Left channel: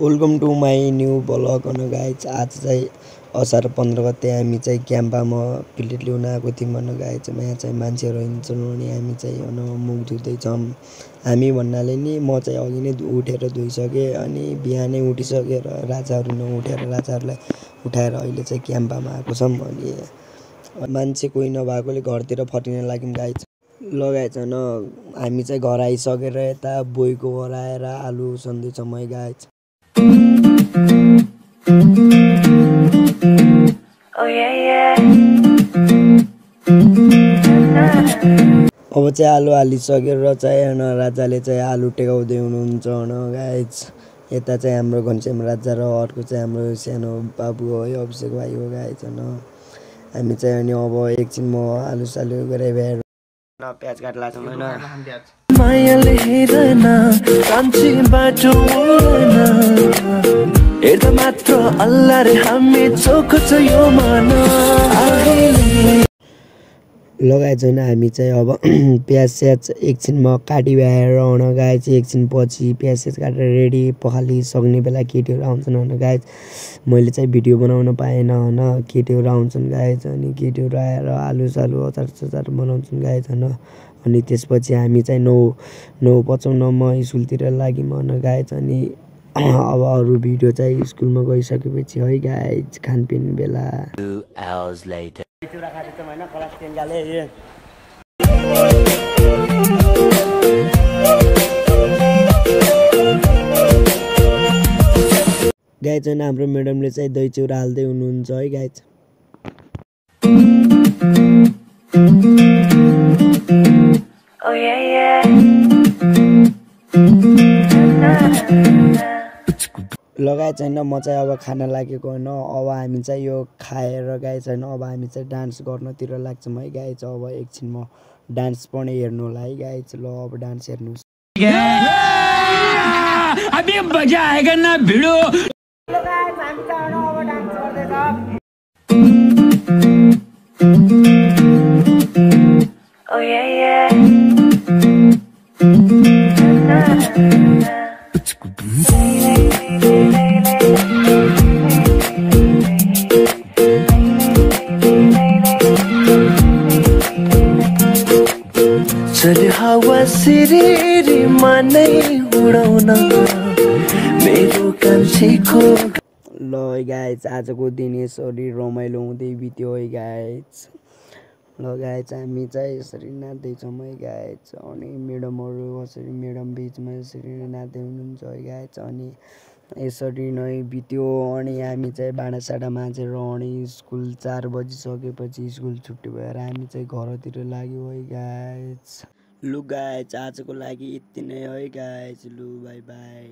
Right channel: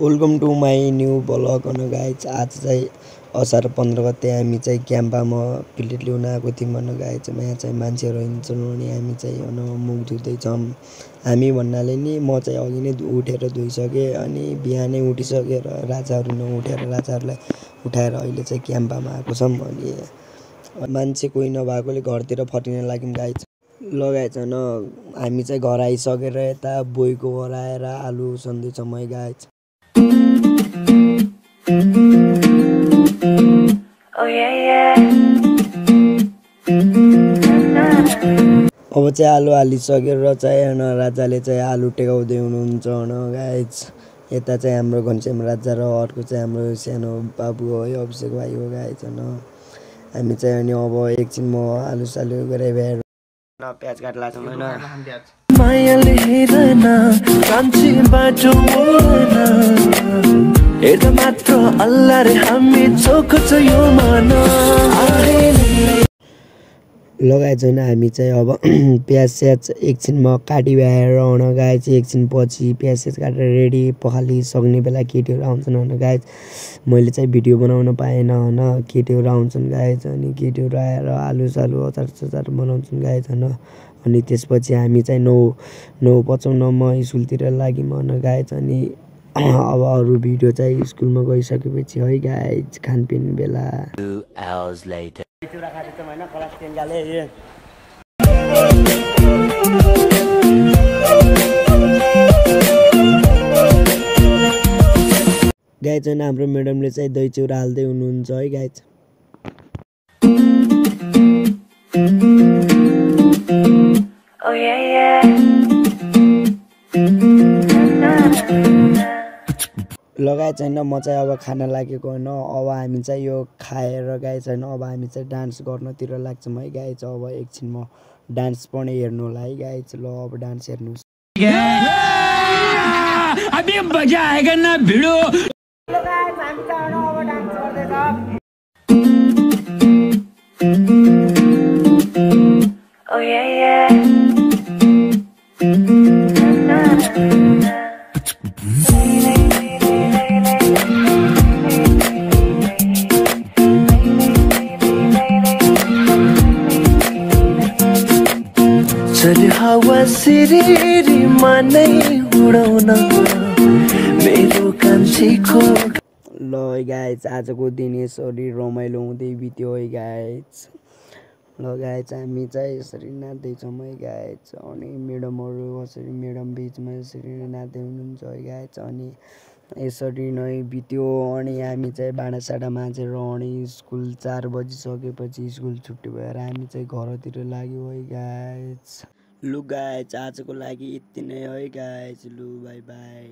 Welcome to my new blog guys. आज चाहिँ असार 15 गते हामी चाहिँ क्याम्पामा प्लेट ल्याउन आएको थियौँ गाइज। यहाँ चाहिँ मान्छेहरू हिँड्छन् अनि हामी चाहिँ मुख धुँदैछौँ। हामी भन्नाले नि म चाहिँ अघि नै उठेर धोइसकेँ अनि बिहानै उठिसकेर राजाहरू नउठेर राजाहरूलाई उठाएर अहिले चाहिँ क्याम्पामा आएको छौँ। अनि मान्छे कोही नभएकोले घरतिर फर्किन लाग्यौँ गाइज। लगाएछ हामी चाहिँ घर आइसकेर यता बोईको घर आएर आलु सन्दैछौँ है गाइज। अब चाहिँ आलु हालिसकेर चाहिँ राजाले चाहिँ आलु टेकाउँदै हुनुहुन्छ गाइज। यता चाहिँ हाम्रो घनश्याम राजा र अर्को चाहिँ हाम्रो सानो बाबु हो है, अभिषेक भाइ हो गाइज। हामी चाहिँ अनि अब एकछिन म आलु सालु गरेर भ्याएर प्याज काट्ला छौँ होइन। मायाले हेरन कान्छी बाटो हेर्दा मात्र अल्लाह रे हामी चोख छ यो मन लगाएछ होइन। हामी चाहिँ अब प्याज स्याज एकछिनमा काटी भ्याएर आउन गाइज। एकछिन पछि प्याज स्याज काटेर रेडी पखाली सक्ने बेला केटीहरू आउँछन् होइन गाइज। मैले चाहिँ भिडियो बनाउन पाएन होइन, केटीहरू आउँछन् गाइज। अनि केटीहरू आएर आलु सालु अचार सचार बनाउँछन् गाइज होइन। अनि त्यसपछि हामी चाहिँ 9:55 स्कुलतिर लाग्यौँ होइन गाइज। अनि अब अरू भिडियो चाहिँ स्कुलमा गइसकेपछि है गाइज, खानपिन बेला। 2 hours later. गाइज होइन हाम्रो म्याडमले चाहिँ दही चिउरा हाल्दै हुनुहुन्छ है गाइज। लगाएछ होइन। म चाहिँ अब खाना लागेको होइन। अब हामी चाहिँ यो खाएर गाइज होइन, अब हामी चाहिँ डान्स गर्नतिर लाग्छौँ है गाइज। अब एकछिन म डान्स पनि हेर्नु होला है गाइज। ल अब डान्स हेर्नुहोस्। अभी मजा आएगा ना भिडो। चल्यो हावा सिरिरीमा नै उडाउन मेरो कान्छीको। ल है गाइज, आजको दिन यसरी रमाइलो हुँदै बित्यो है गाइज। ल गाइज हामी चाहिँ यसरी नाच्दैछौँ है गाइज। अनि म्याडमहरू कसरी म्याडम बिचमा यसरी नाच्दै हुनुहुन्छ है गाइज। अनि यसरी नै बित्यो। अनि हामी चाहिँ भाँडासाँडा माझेर अनि स्कुल 4 बजिसकेपछि स्कुल छुट्टी भएर हामी चाहिँ घरतिर लाग्यो है गाइज। लु गाइज आजको लागि यति नै है गाइज। लु बाई बाई।